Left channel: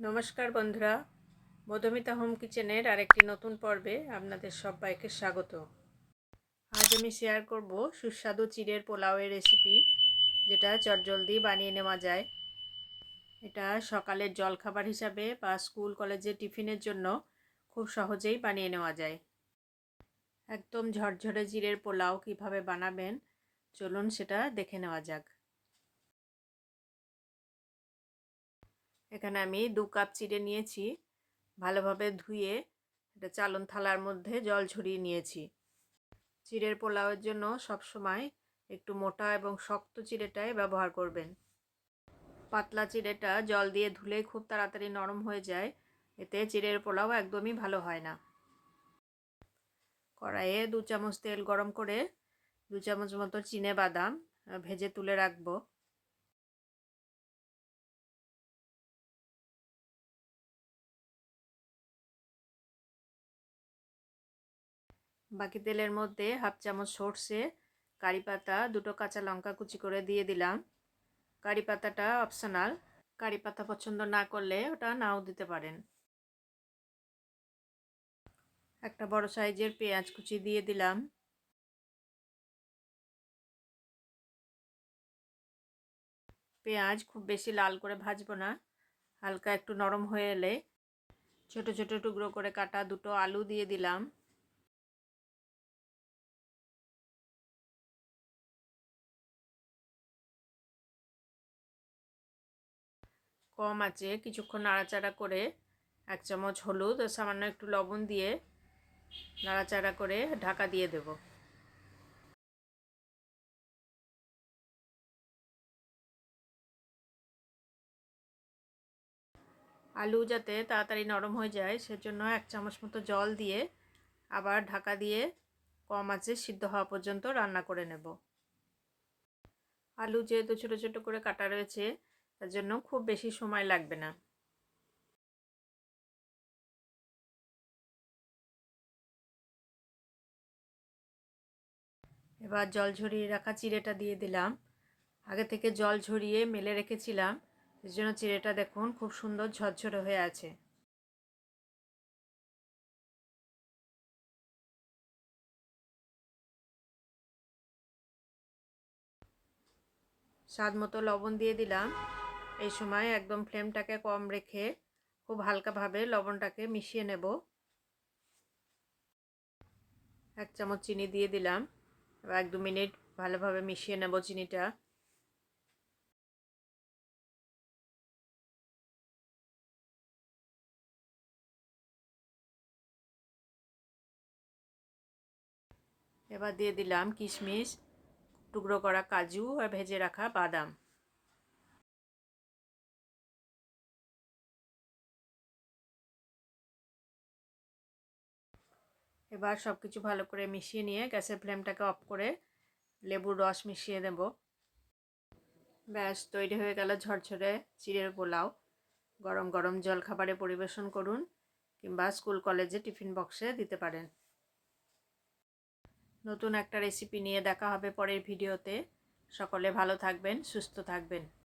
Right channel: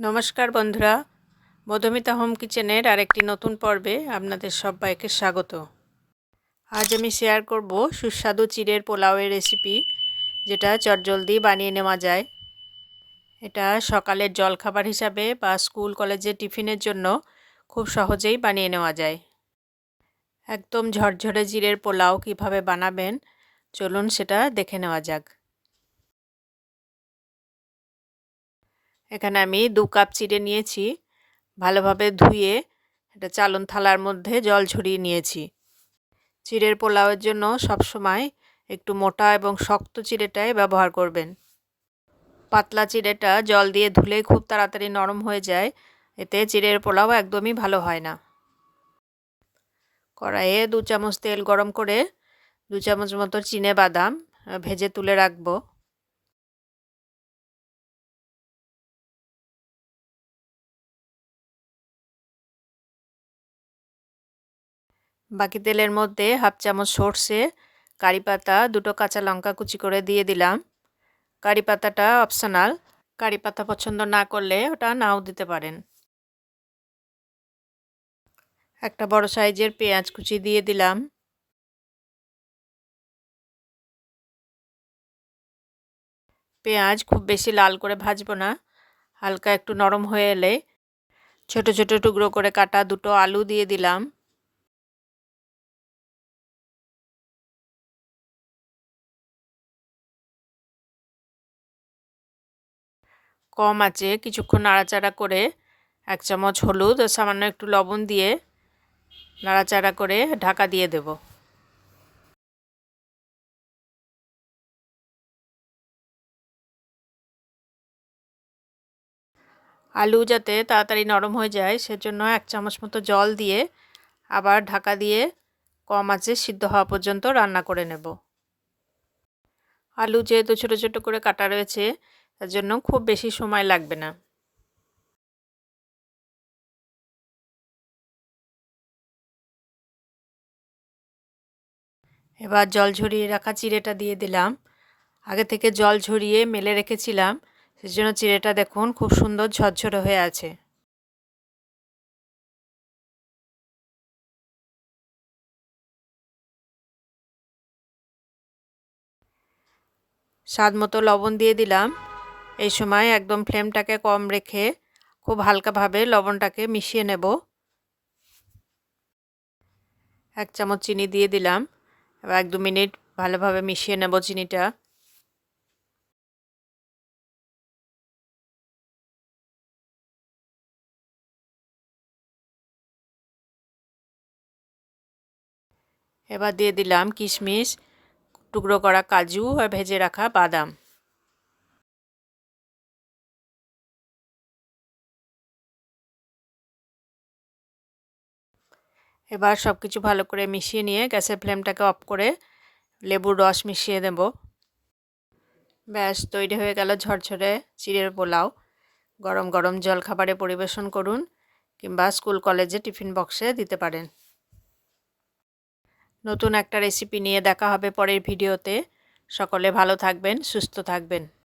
নমস্কার বন্ধুরা, মধুমিতা হোম কিচেনের আরেকটি নতুন পর্বে আপনাদের সবাইকে স্বাগত। আজ আমি শেয়ার করব সুস্বাদু চিড়ের পোলাওয়ের রেসিপি যেটা চটজলদি বানিয়ে নেওয়া যায়। এটা সকালের জলখাবার হিসাবে বা স্কুল কলেজে টিফিনের জন্য খুব সহজেই বানিয়ে নেওয়া যায়। একদম ঝরঝরে জিরের পোলাও কীভাবে বানাবেন, চলুন সেটা দেখে নেওয়া যাক। এখানে আমি দু কাপ চিড়ে নিয়েছি। ভালোভাবে ধুয়ে এটা চালন থালার মধ্যে জল ঝরিয়ে নিয়েছি। চিড়ের পোলাওয়ের জন্য সবসময় একটু মোটা এবং শক্ত চিড়েটাই ব্যবহার করবেন। পাতলা চিড়েটা জল দিয়ে ধুলে খুব তাড়াতাড়ি নরম হয়ে যায়। এতে চিড়ের পোলাও একদমই ভালো হয় না। কড়াইয়ে দু চামচ তেল গরম করে দু চামচ মতো চিনে বাদাম ভেজে তুলে রাখব। বাকি তেলের মধ্যে হাফ চামচ সর্ষে, কারি পাতা, দুটো কাঁচা লঙ্কা কুচি করে দিয়ে দিলাম। কারি পাতাটা অপশনাল কারি পাতা পছন্দ না করলে ওটা নাও দিতে পারেন। একটা বড় সাইজের পেঁয়াজ কুচি দিয়ে দিলাম। পেঁয়াজ খুব বেশি লাল করে ভাজবো না, হালকা একটু নরম হয়ে এলে ছোট ছোট টুকরো করে কাটা দুটো আলু দিয়ে দিলাম। কম আছে, কিছুক্ষণ নাড়াচাড়া করে এক চামচ হলুদ, সামান্য একটু লবণ দিয়ে নাড়াচাড়া করে ঢাকা দিয়ে দেব। আলু যাতে তাড়াতাড়ি নরম হয়ে যায়, সেজন্য এক চামচ মতো জল দিয়ে আবার ঢাকা দিয়ে কম আছে, সিদ্ধ হওয়া পর্যন্ত রান্না করে নেব। আলু যেহেতু ছোটো ছোটো করে কাটা রয়েছে তার জন্য খুব বেশি সময় লাগবে না। এবার জল ঝরিয়ে রাখা চিড়েটা দিয়ে দিলাম। আগে থেকে জল ঝরিয়ে মেলে রেখেছিলাম, সেজন্য চিড়েটা দেখুন খুব সুন্দর ঝরঝরে হয়ে আছে। স্বাদ মতো লবণ দিয়ে দিলাম। এই সময় একদম ফ্লেমটাকে কম রেখে খুব হালকাভাবে লবণটাকে মিশিয়ে নেব। এক চামচ চিনি দিয়ে দিলাম। এবার এক দু মিনিট ভালোভাবে মিশিয়ে নেব চিনিটা। এবার দিয়ে দিলাম কিশমিশ, টুকরো করা কাজু আর ভেজে রাখা বাদাম। এবার সব কিছু ভালো করে মিশিয়ে নিয়ে গ্যাসের ফ্লেমটাকে অফ করে লেবুর রস মিশিয়ে দেব। ব্যাস, তৈরি হয়ে গেল ঝরঝরে চিড়ের পোলাও। গরম গরম জল খাবারে পরিবেশন করুন কিংবা স্কুল, কলেজে টিফিন বক্সে দিতে পারেন। নতুন একটা রেসিপি নিয়ে দেখা হবে পরের ভিডিওতে। সকলে ভালো থাকবেন, সুস্থ থাকবেন।